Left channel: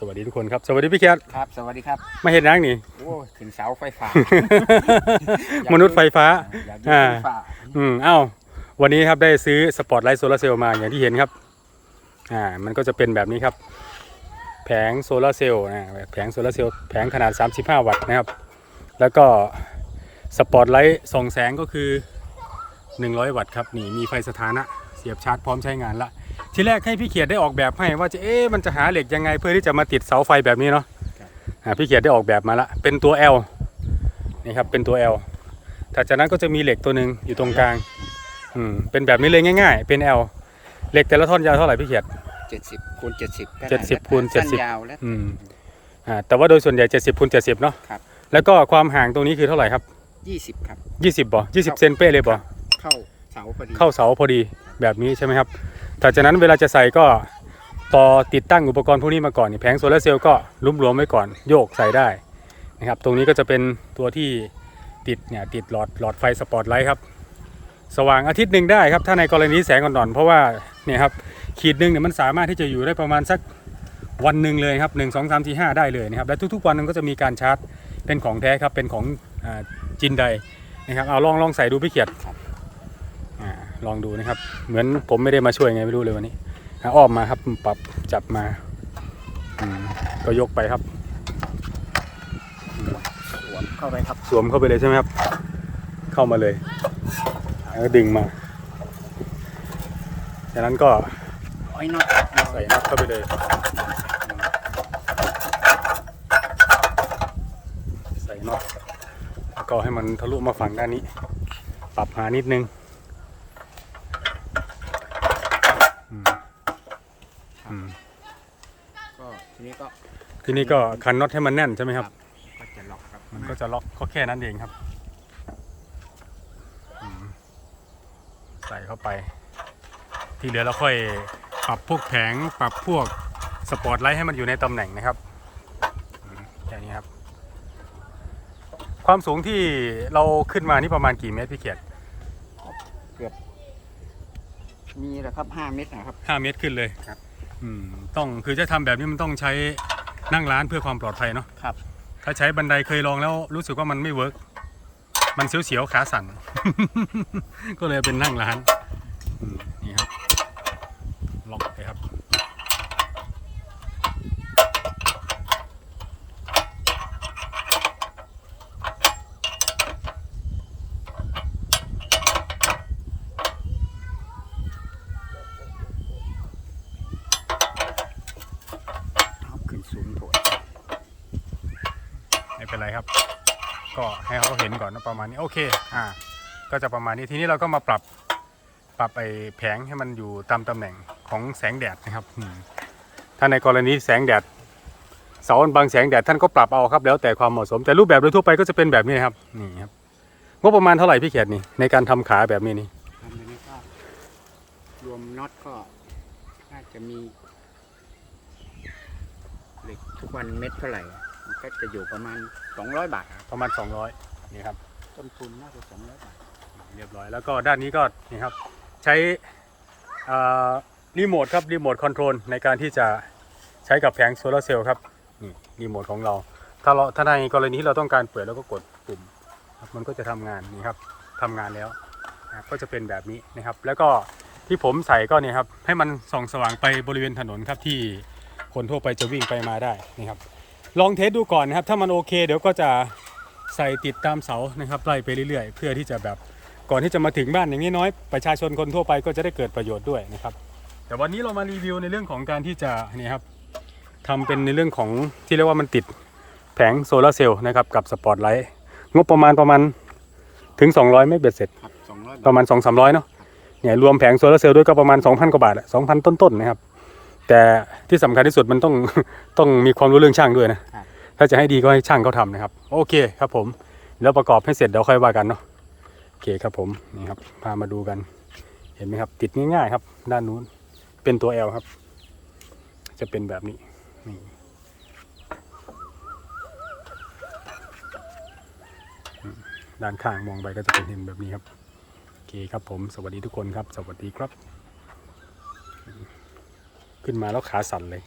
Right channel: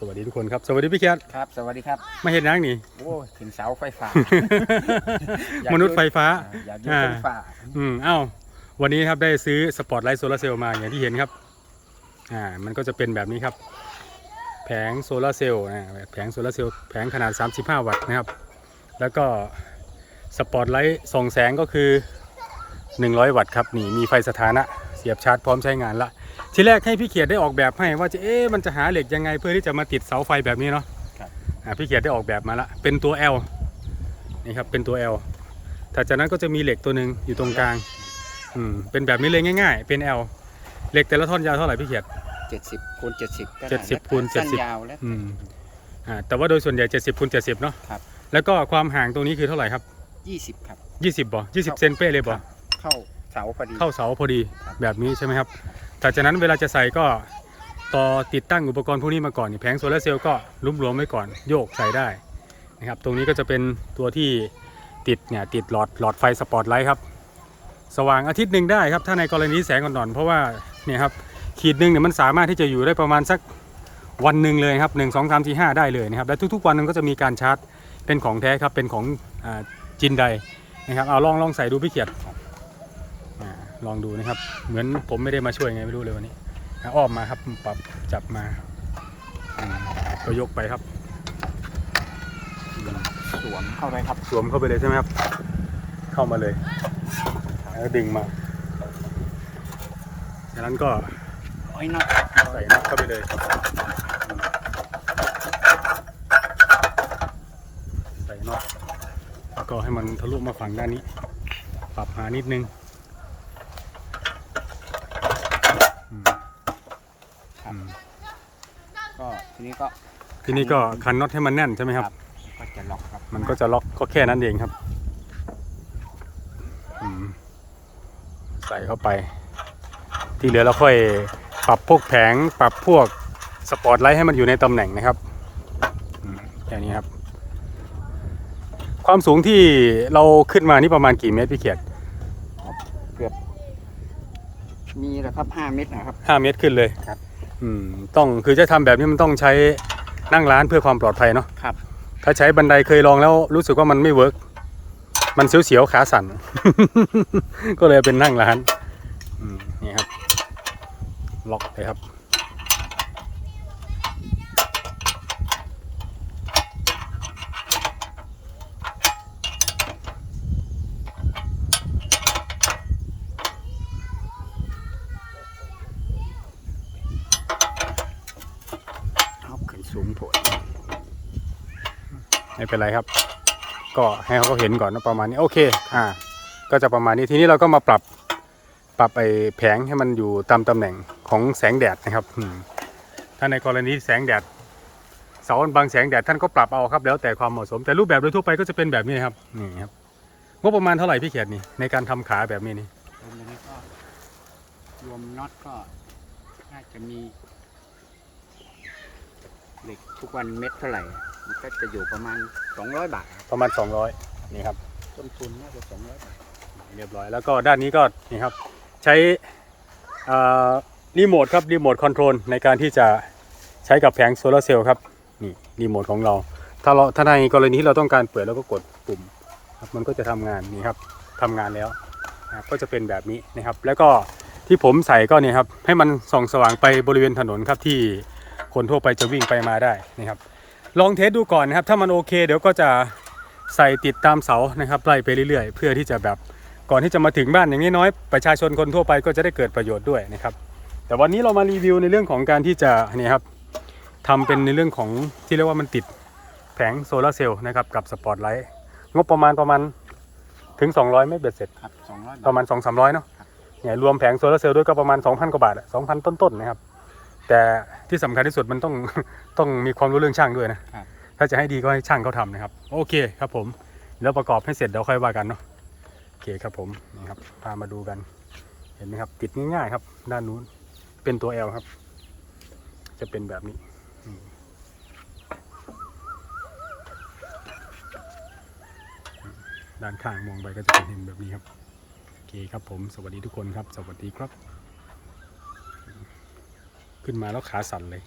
สวัสดีทุกคนครับ สวัสดีพี่เคียรครับ สวัสดีครับ มาเห็นนังนี่ โอ้ยขึ้นเสาไฟฟ้าอยากมนุษย์ไฟฟ้า อยากอยู่อ่าไฟฟ้า อืมเอ้า วันนี้ครับได้ซื้อสปอตไลท์โซลาร์เซลล์มาอย่างที่เห็นครับ อ่า มันก็จะเป็นแบบนี้ครับ แผงโซลาร์เซลล์นะแผงโซลาร์เซลล์แผงขนาด 35 วัตต์นะครับ แล้วก็สปอตไลท์ส่องแสงก็คือ 100 วัตต์ครับ นี่มีไฟสถานะ เสียบชาร์จพร้อมใช้งานละ ทีแรกให้พี่เขียดได้ออกแบบให้ ว่าจะเอ๊ะมันจะหาเหล็กยังไงเพื่อที่จะมาติดเสาไฟแบบนี้เนาะอ่าพี่เขียดได้ออกแบบมาละเป็นตัว L นี่ครับเป็นตัว L ถัดจากนั้นก็จะมีเหล็กตัวหนึ่งอยู่ตรงกลางอืมเป็นแบบนี้เลยง่าย ๆ เป็น L เหล็กแต่ละท่อนยาวเท่าไหร่พี่เขียด เจ็ดสิบคูณเจ็ดสิบก็เจ็ได้ดสิบคูณสั้นเจ็ดสิบยาวแล้ว อืมอ่าแต่ว่าโดยส่วนใหญ่ 70คูณ70เนาะครับ แล้วก็ความห่างตรงนี้คือเท่าไหร่ครับ ยี่สิบครับ 20บ่20เซนเป้เลยบ่ เข้าเสาพอดี เข้าเสาพอดีแบบนี้ใช่ไหมครับ ถัดจากนั้นเวลาจะใส่ก็ต่อติดตั้งอุปกรณ์พวกนี้มาก่อนแผงโซลาร์เซลล์ก็ลุ้มรวมไว้ก่อนโยกใส่ได้นะครับตรงนี้ก็จะเป็นตัวที่ติดเนี่ยติดหลอดหลอดไฟสปอตไลท์ครับสว่างอาทิตย์หนึ่งได้ครับถ้าในกรณีแสงอ่อนๆเพราะว่าเนี่ยครับขีดหนึ่งเนี่ยมันสามารถที่จะอยู่ได้ประมาณสักวันหนึ่งเลยครับหนึ่งสองสามสี่ห้าได้เลยนะครับและทุกๆวันมันก็จะมีการชาร์จเป็นของแท้ครับเป็นของอจินไดนะครับเอาลองลองใส่ดูพี่เขียด ลองดูนะครับ เหมือนผมไม่ได้มาช่วยไงไม่รู้เลยวันนี้อะอ้อมมาครับปรับจับมาอืมก็ยกไปครับอืมสวมเข้าไปครับ สวมเข้าไปเลยใช่ไหมครับ เข้ามาเลยแล้วก็ดึงมาจากนั้นก็ร้อยน็อตร้อยใส่น็อตเข้าไปเลยใส่น็อตแล้วก็ให้มันทะลุมาฝั่งด้านนี้ ปรับหานิดนึง อืมอืมก็ทีนี้ก็ทีนี้ก็คันน็อตให้มันแน่นใช่ไหมครับ ก็จะล็อกครับมันก็จะล็อกก็แค่นั้นเองครับอืมใส่เข้าไป ที่เหลือเราค่อยปรับพวกแผงปรับพวกสปอตไลท์ให้มันอยู่ในตำแหน่งนะครับอืมแค่นี้ครับ ความสูงที่เราขึ้นมานี่ประมาณกี่เมตรพี่เขียด มีแหละครับห้าเมตรนะครับ ห้าเมตรขึ้นเลยครับ อืมต้องคือจะทำแบบนี้มันต้องใช้นั่งร้านเพื่อความปลอดภัยเนาะครับ ถ้าใช้บันไดเคยลองแล้วรู้สึกว่ามันไม่เวิร์กมันเสียวๆขาสั่น ก็เลยเป็นนั่งร้านอืมนี่ครับ ล็อกเลยครับ สูงโผล่ไม่เป็นไรครับ ก็ให้เขาเห็นก่อนนะประมาณนี้โอเคอ่าก็จะประมาณนี้ทีนี้เราก็มาปรับปรับไอ้แผงให้มันอยู่ตามตำแหน่งของแสงแดดนะครับถ้าในกรณีแสงแดดเสาอันบังแสงแดดท่านก็ปรับเอาครับ แล้วแต่ความเหมาะสม แต่รูปแบบโดยทั่วไปก็จะเป็นแบบนี้นะครับนี่ครับงบประมาณเท่าไหร่พี่เขียดนี่ในการทำขาแบบนี้นี่ทำอันนี้ก็รวมน็อตก็น่าจะมี เหล็กทุกวันเม็ดเท่าไหร่ มันก็จะอยู่ประมาณสองร้อยบาทครับ ประมาณ 200นี่ครับ ต้นทุนน่าจะสองร้อยบาท เรียบร้อย แล้วก็ด้านนี้ก็นี่ครับ ใช้เอ่อรีโมทครับ รีโมทคอนโทรลในการที่จะใช้กับแผงโซลาร์เซลล์ครับ นี่รีโมทของเรา ถ้าเราถ้าในกรณีที่เราต้องการเปิดเราก็กดปุ่มครับมันก็จะทำงานนี่ครับทำงานแล้วนะครับก็จะเป็นแบบนี้นะครับ แล้วก็ที่ผมใส่ก็เนี่ยครับให้มันส่องสว่างไปบริเวณถนนครับที่ คนทั่วไปจะวิ่งไปมาได้นะครับลองเทสดูก่อนนะครับ ถ้ามันโอเค เดี๋ยวก็จะใส่ติดตามเสานะครับไล่ไปเรื่อยๆ เพื่อที่จะแบบก่อนที่จะมาถึงบ้านอย่างน้อยๆประชาชนคนทั่วไปก็จะได้เกิดประโยชน์ด้วยนะครับ แต่วันนี้เรามารีวิวในเรื่องของการที่จะเนี่ยครับทำเป็นในเรื่องของที่เรียกว่ามันติดแผงโซลาร์เซลล์นะครับกับสปอตไลท์งบประมาณประมาณถึง 200 ไม่เบ็ดเสร็จครับสองร้อยประมาณ 2 3 0 0เนาะเนี่ยรวมแผงโซลาร์เซลล์ด้วยก็ประมาณ 2,000 กว่าบาทอะ2,000ต้นๆนะครับ แต่ที่สำคัญที่สุดมันต้องต้องมีความรู้เรื่องช่างด้วยนะครับถ้าจะให้ดีก็ให้ช่างเขาทำนะครับ โอเคครับผมแล้วประกอบให้เสร็จเดี๋ยวค่อยว่ากันเนาะโอเคครับผมนี่ครับพามาดูกัน เห็นไหมครับ ติดง่ายๆครับ ด้านนู้นเป็นตัว L ครับ จะเป็นแบบนี้นี่ด้านข้างมองไปก็จะเป็นเห็นแบบนี้ครับโอเคครับผม สวัสดีทุกคนครับ สวัสดีครับ ขึ้นมาแล้วขาสั่นเลย